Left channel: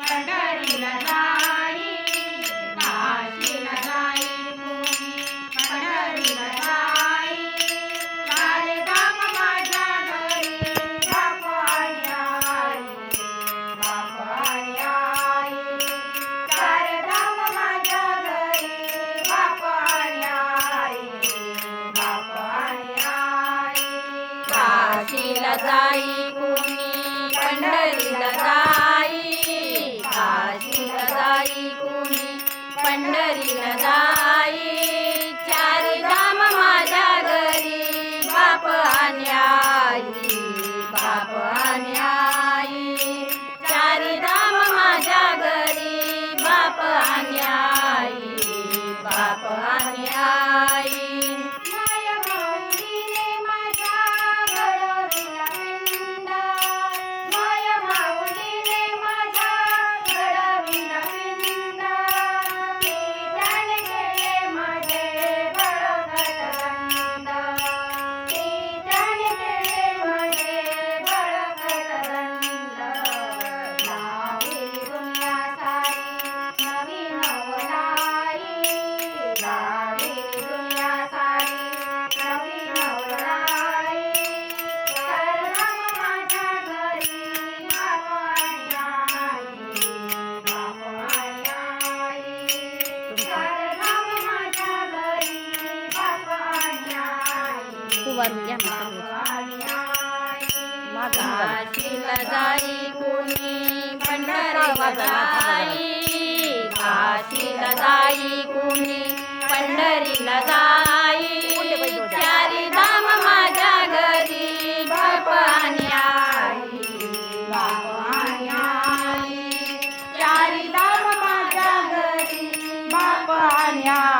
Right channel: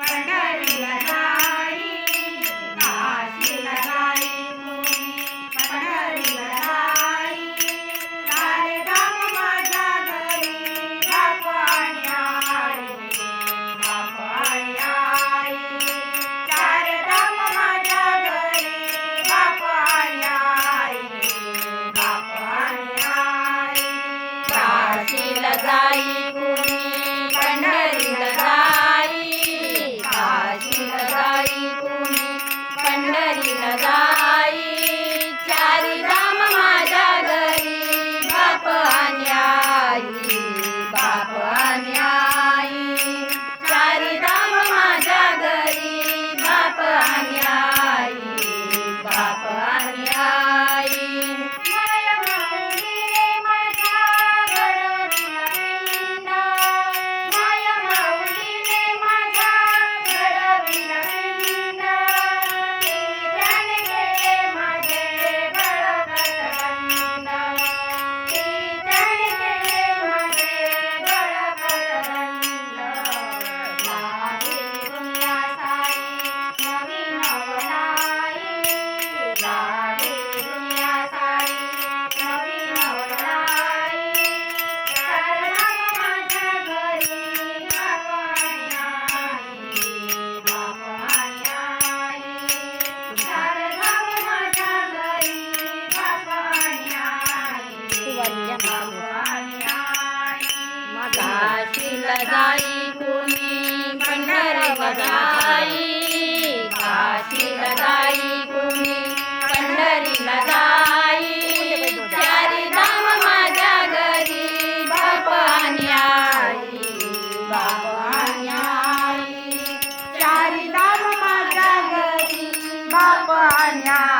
पंढरीला जाई काशीला जाई मुनी पंढरीला जाई सारे धाम माझ्या घरी बाप आणि आई बाप बाप आई बाप आणि जाई काशील जाई कोणी पंढरी काशील जाई कोणी पंढरीला जाई चारी धाम माझ्या घरी बाप आणि आई बाप आणि आई. चारी धाम माझ्या घरी बाप आणि आई.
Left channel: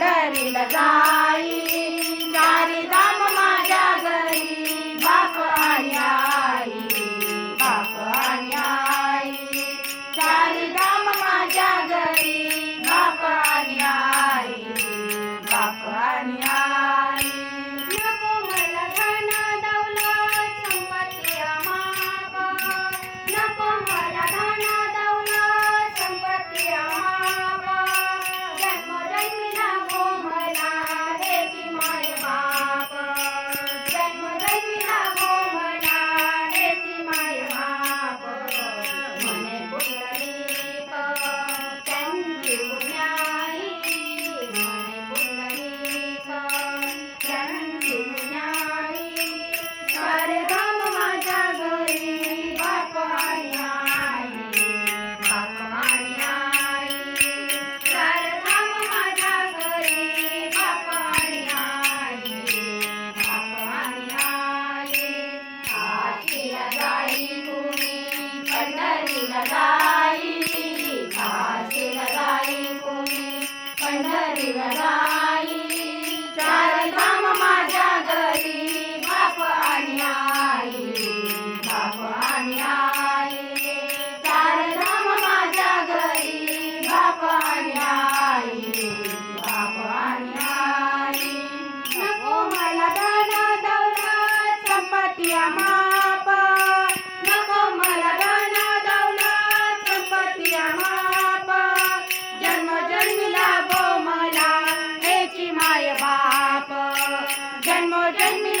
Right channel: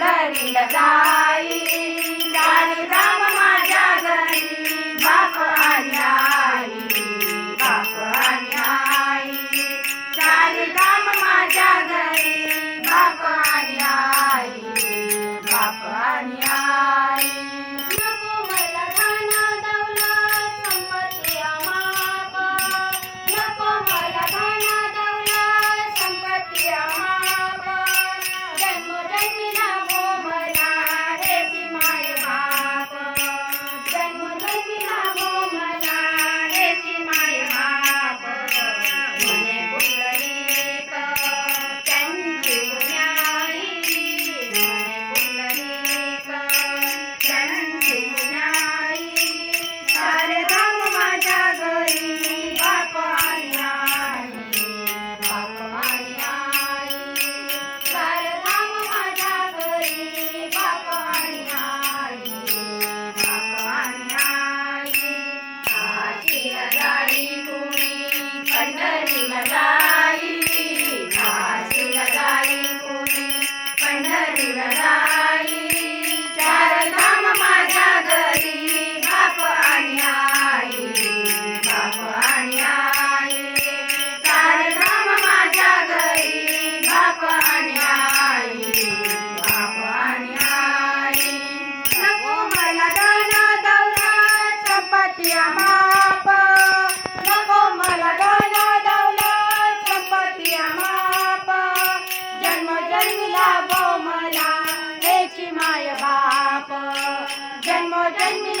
पंढरीला जाई again me.